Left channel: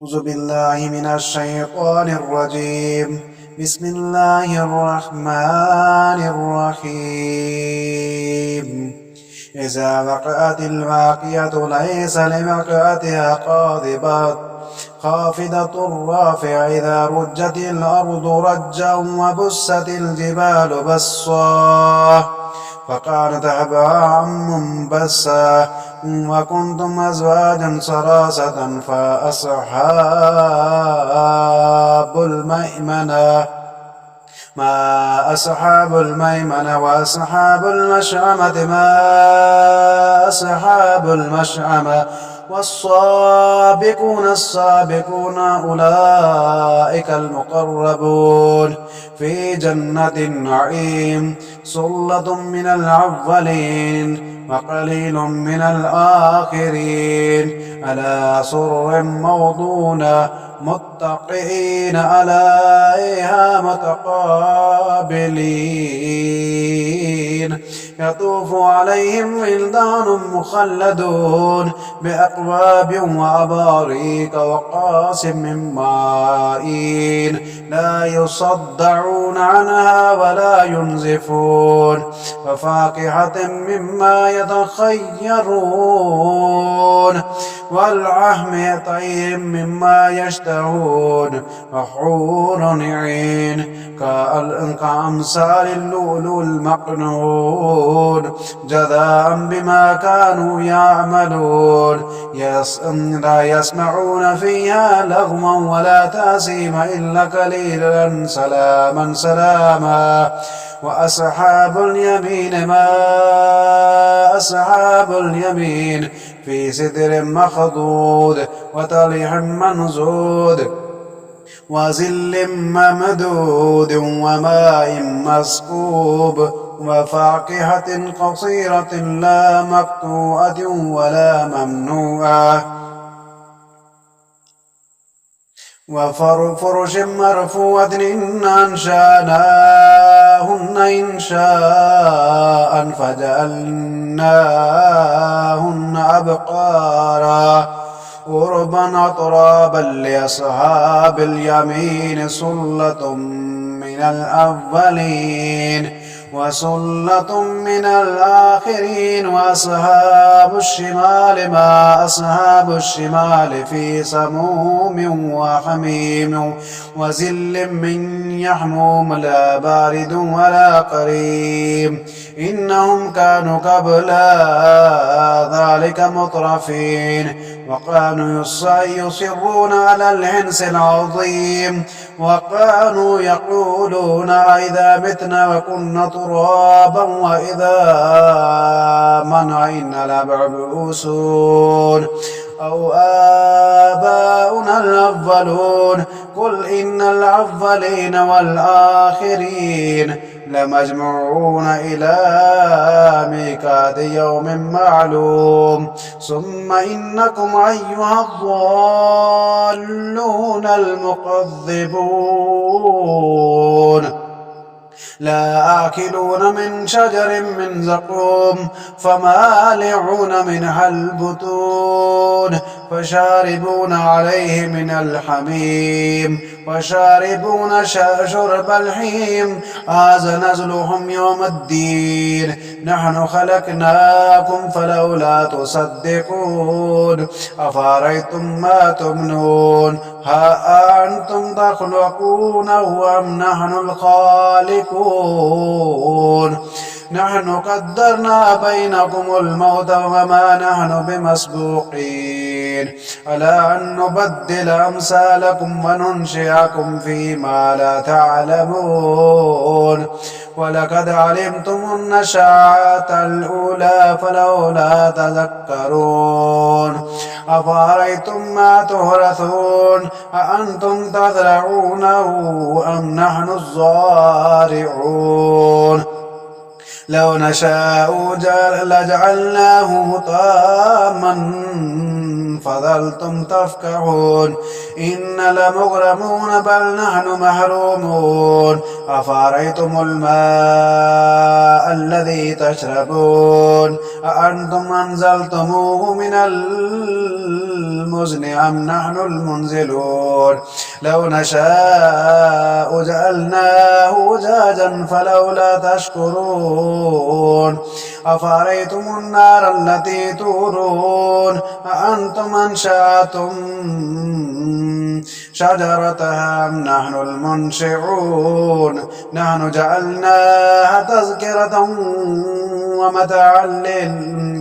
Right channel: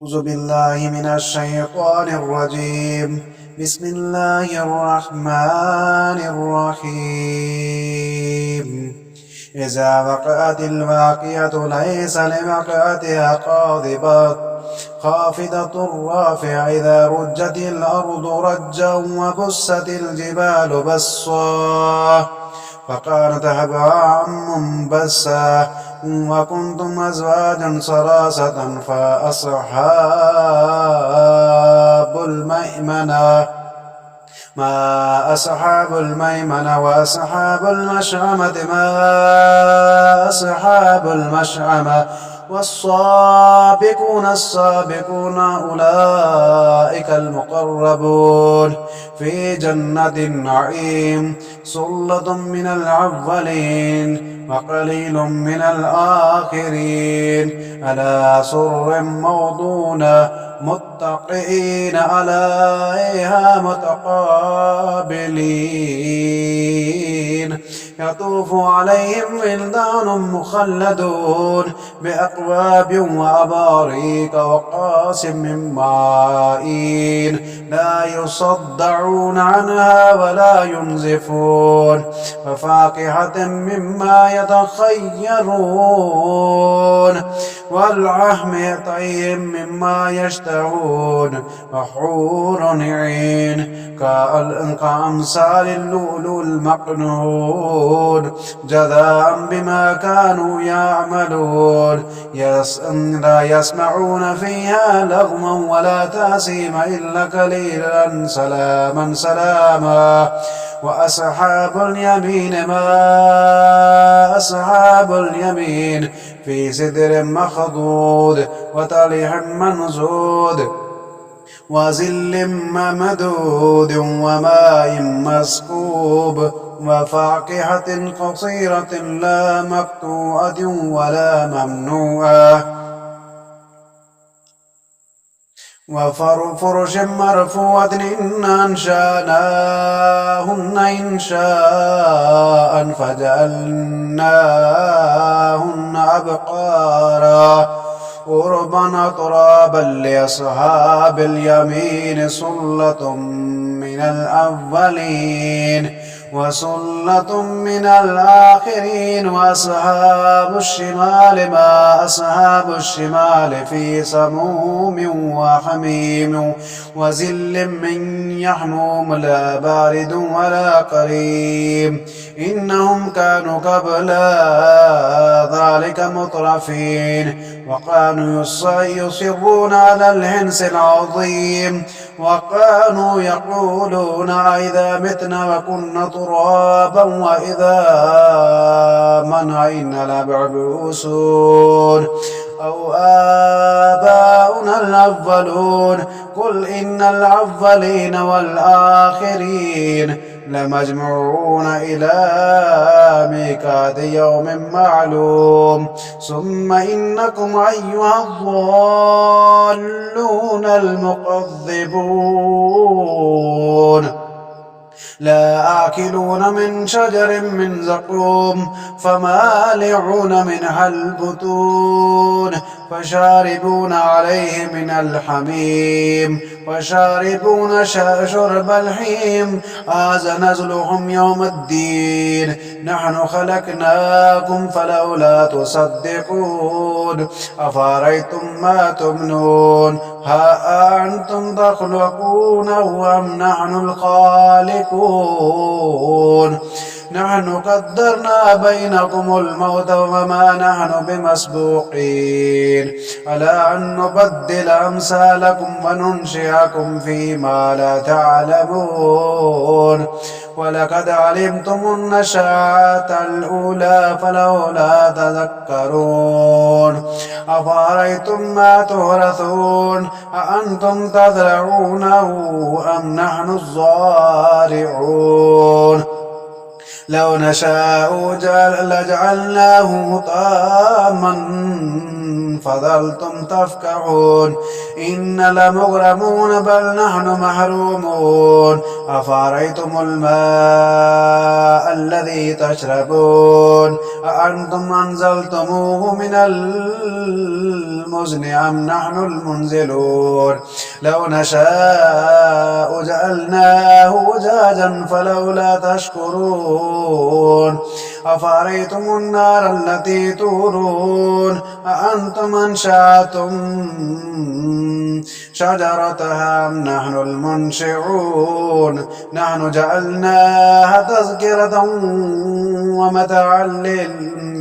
أعوذ بالله من الشيطان الرجيم. بسم الله الرحمن الرحيم. إذا وقعت الواقعة ليس لوقعتها قاذبة خافضة رافعة إذا رجت الأرض رجا وبست الجبال بسا فكانت هباء منبثا وكنتم أزواجا ثلاثة فأصحاب الميمنة ما أصحاب الميمنة وأصحاب المشأمة ما أصحاب المشأمة والسابقون السابقون أولئك المقربون في جنة النعيم سلة من الأولين وقليل من الآخرين على سرر موضونة متقئين عليها متقابلين يطوف عليهم ولدان مخلدون بأكواب وأباريق وكأس من معين لا يصدعون عنها ولا ينزفون وفاكهة مما يتخيرون واللحم طيب مما يشتهون وحور عين كأمثال اللؤلؤ المكنون جزاء بما كانوا يعملون لا يسمعون فيها لغوا ولا تأثيما إلا قليلا سلاما سلاما وأصحاب اليمين ما أصحاب اليمين في سدر مخضود وطلح منضود وظل ممدود وماء مسكوب وفاكهة قصيرة لا مقطوعة ولا ممنوعة وفرش مرفوعة إنا أنشأناهن إنشاء فجعلناهن أبقارا عربا أترابا لأصحاب اليمين سلة من الأولين وسلة من الآخرين وأصحاب الشمال ما أصحاب الشمال في سموم وحميم وظل من يحموم لا بارد ولا قريب إنهم كانوا قبل ذلك مترفين وكانوا يصرون على الحنث العظيم وكانوا يقولون إذا متنا وكنا ترابا وإذا منا إنا لمبعوثون أو آباؤنا الأولون قل إن الأولين والآخرين لمجموعون إلى ميقات يوم معلوم ثم إنكم أيها الضالون المكذبون لا آكلون من شجر من زقوم فمالعون منها البطون فشاربون عليه من الحميم وشاربون شرب الحيم هذا نزلهم يوم الدين نحن خلقناكم فلولا تصدقون أفرأيتم ما تمنون ها أنتم تخلقونه أم نحن الخالقون نحن قدرنا بينكم الموت وما نحن بمسبوقين على أن نبدل أمثالكم وننشئكم فيما لا تعلمون ولقد علمتم النشأة الأولى فلولا تذكرون أفرأيتم ما تورثون أأنتم تزرعونه أم نحن الزارعون لو نشاء لجعلناه طاما فظلتم تفكحون إن لمغرمون بل نحن محرومون أفرأيتم الماء الذي تشربون أأنتم أنزلتموه من المزن أم نحن المنزلون لو نشاء جعلناه أجاجا فلولا تشكرون أفرأيتم النار التي تورون أأنتم أنشأتم شجرتها أم نحن المنشئون نحن جعلناها تذكرة ومتاعا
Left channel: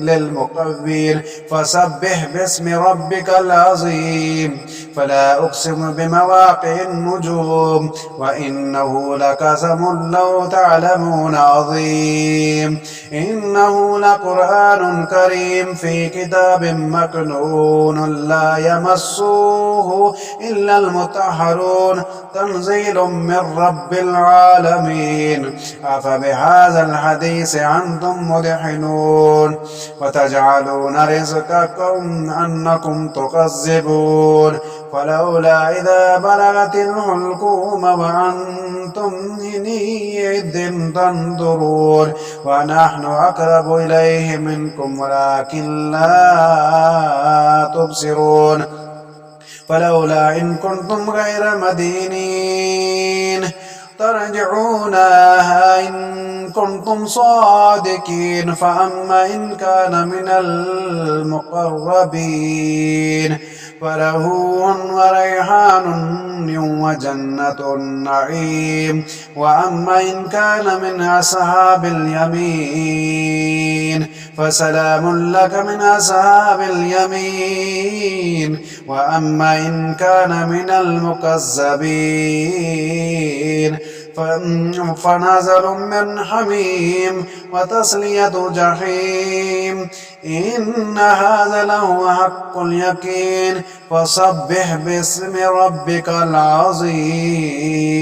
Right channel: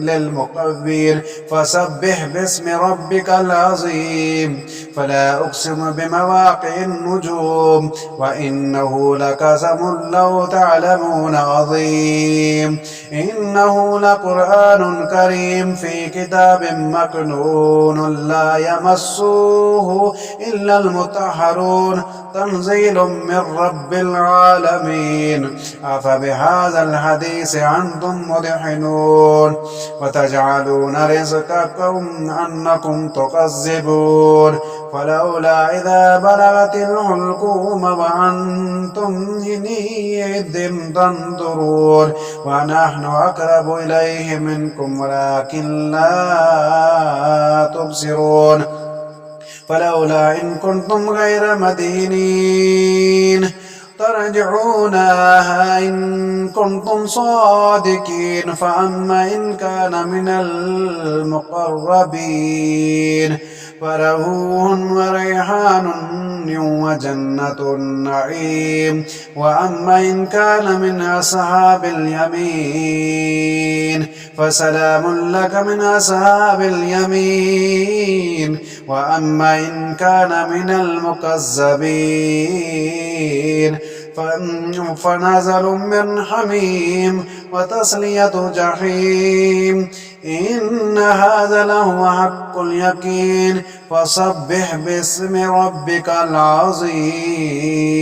للمقوين فسبح باسم ربك العظيم فلا أقسم بمواقع النجوم وإنه لقسم لو تعلمون عظيم إنه لقرآن كريم في كتاب مكنون لا يمسه إلا المطهرون تنزيل من رب العالمين أفبهذا الحديث أنتم مدحنون وتجعلون رزقكم أنكم تكذبون فلولا إذا بلغت الحلقوم وأنتم حينئذ تنظرون ونحن أقرب إليه منكم ولكن لا تبصرون فلولا إن كنتم غير مدينين ترجعونها إن كنتم صادقين فأما إن كان من المقربين فروح وريحان وجنة النعيم وأما إن كان من أصحاب اليمين فسلام لك من أصحاب اليمين وأما إن كان من المكذبين فنزل من حميم وتصلية جحيم إن هذا لهو حق اليقين فسبح باسم ربك العظيم